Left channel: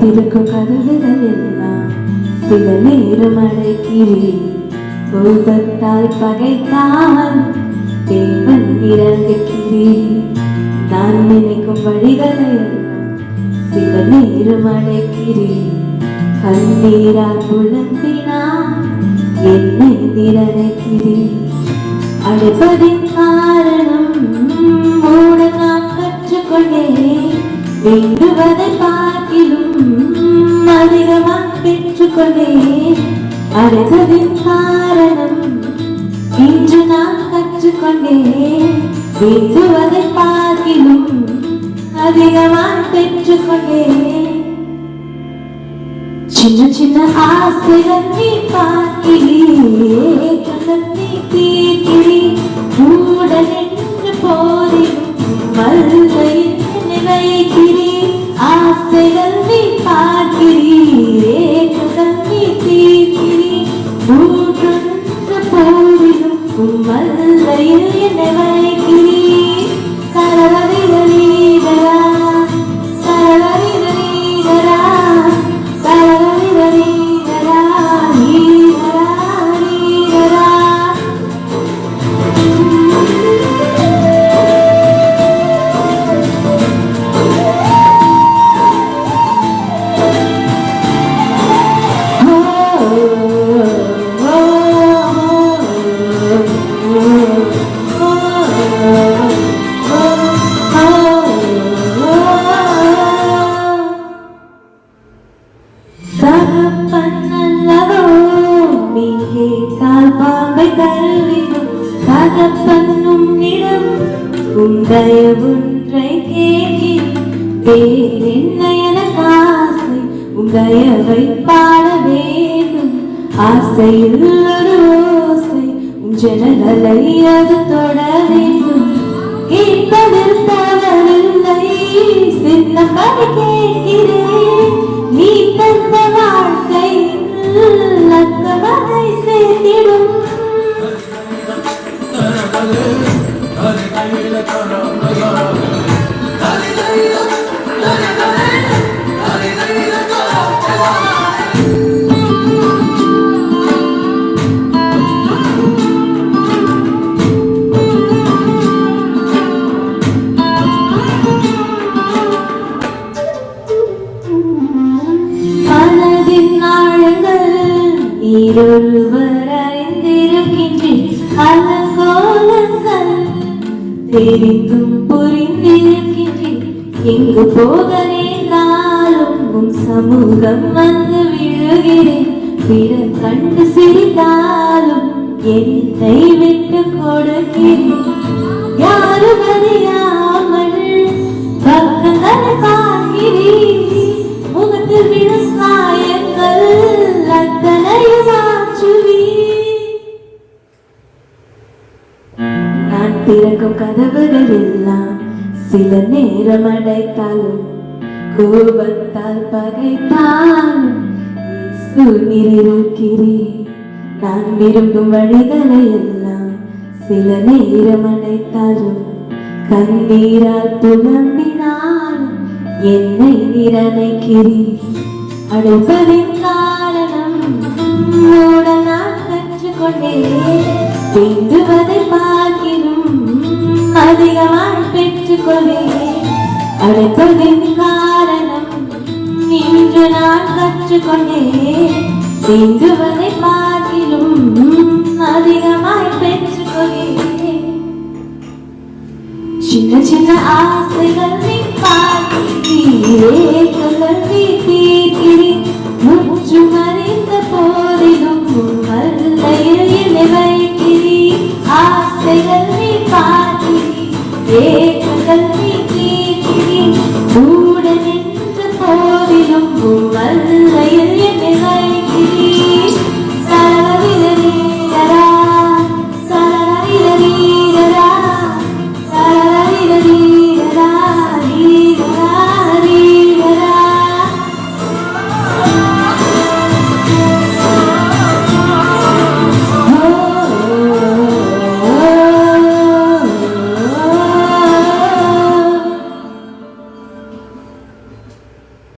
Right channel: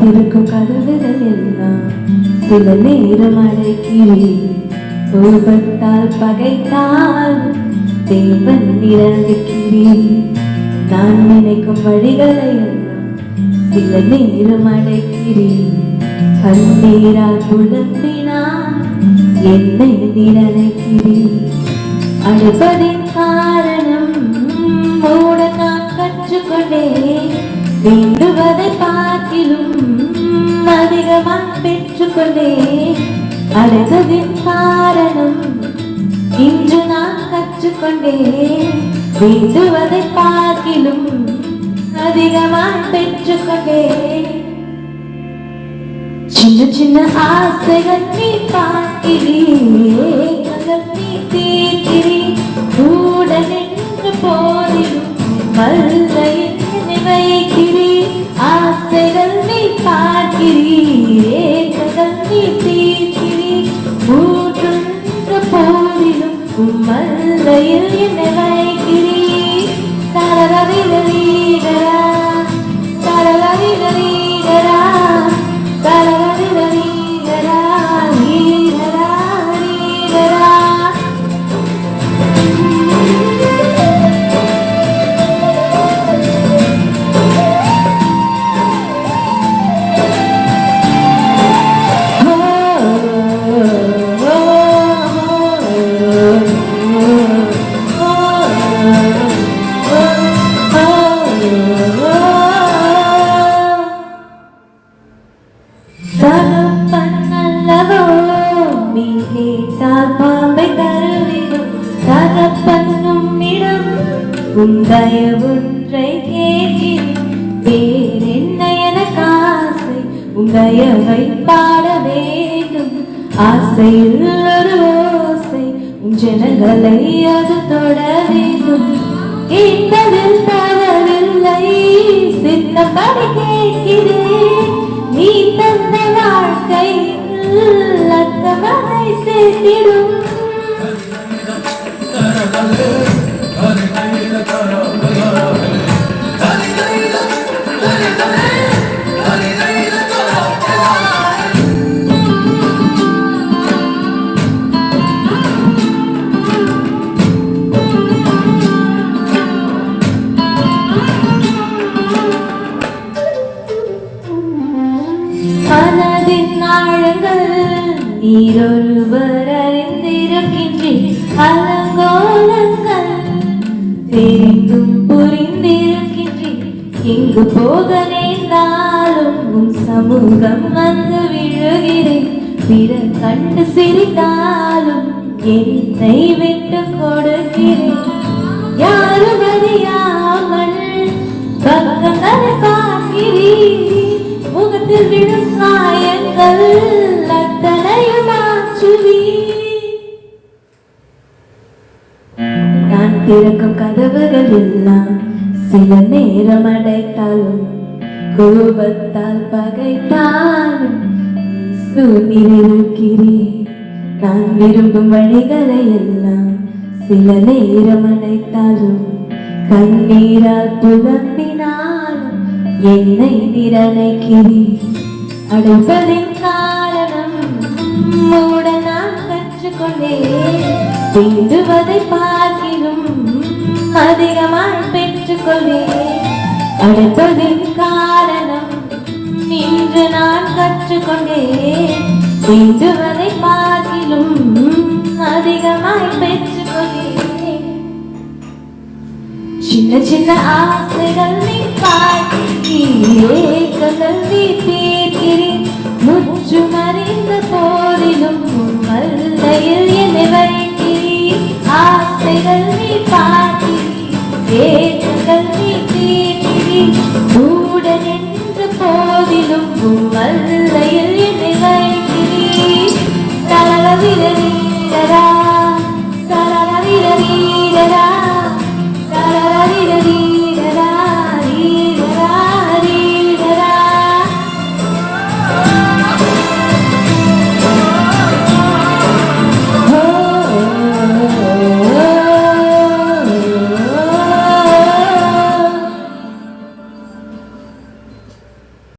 காத்திருக்கும் கதவுகள் எல்லாம் சில நேரம் அடைக்கிறேன். கோபத்தால் பகைத்தால் தேவன் இறங்குகிறேன். நான் நினைக்கும் வழிகளை எல்லாம் சில நேரம் அடைக்கிறேன். கண்ணீரால் புலம்பினால் என்னை நினைக்கிறேன். அழைப்பதின் காரணம் மூட நான் கற்றுக்கொண்டேன். வேண்டுவதை பார்க்கிலும் அதிகமாக பெற்றுக்கொண்டேன். அழைத்ததின் காரணம் இன்று நான் கற்றுக்கொண்டேன். வேண்டுவதை பார்க்கிலும் அதிகமாக பெற்றுக்கொண்டேன். சின்ன சின்ன ஆசைகள் நீ பார்க்கிறீரே, கண்கள் நீ தீர்க்கிறீ. மூடல் என்ற போதிலும் மல்லையில் வைக்கிறீ. ஆசைகள் நீ பார்க்கிறீரே, கண்கள் நீ தீர்க்கிறீ. மூடல் என்ற போதிலும் மல்லையில் என்னை வைக்கிறீ. தரரரிரரீரரா தரரரிரரீரரா உந்தயவொன்றை கேட்கிறேன். வேறென்ன எனக்கு ஆசை? உந்தயவை பாட வேண்டும். ஆசையில் ஒரு ஓசை உன் ஜனங்களை அது தொட வேண்டும். கேட்பதில் தவறில்லை, சின்னப்படி கேட்கிறேன். நீ தந்த வாழ்க்கையில் அக்கமதை சேர்த்திடும். மனதின் ஆழங்கள் நீரொருவர் அறிந்திருக்கின்றேன். அலங்கோலங்கள் தெரிந்தும் புரிந்திருக்கின்றேன். எங்கு போக நேர்ந்தாலும் உன் சமூகம் வந்து விழுகிறேன். பிற கண்டு சிரித்தாலும் என்னை விட்டு கொடுக்கிறேன். யாரும் அறியாமல் பக்கங்களை பார்க்கிறேன். முகத்தில் விடும் காயங்கள் அத்தனையும் மாற்றுவீர். நான் திறக்கும் கதவுகள் எல்லாம் சில நேரம் அடைத்தாலும் கோபத்தால் பகைத்தாலும் இருக்கிறேன். நான் விரும்பும் வழிகளை எல்லாம் சில நேரம் அடைத்தாலும் கண்ணீரால் புலம்பினாலும் என்னை நினைக்கிறேன். அடைப்பதின் காரணம் மூட நான் கற்றுக்கொண்டேன். வேண்டுவதை பார்க்கிலும் அதிகமாய் பெற்றுக்கொண்டேன். அடைப்பதின் காரணம் இன்று நான் கற்றுக்கொண்டேன். வேண்டுவதை பார்க்கிலும் அதிகமாய் பெற்றுக்கொண்டேன். சின்ன சின்ன ஆசைகள் நீ பார்க்கிறீரே, கண்கள் நீ தீர்க்கிறேன். முற்றும் அறிந்த போதிலும் மல்லையில் என்னை வைக்கிறீர். ஆசைகள் நீ பார்க்கிறீரே, கண்கள்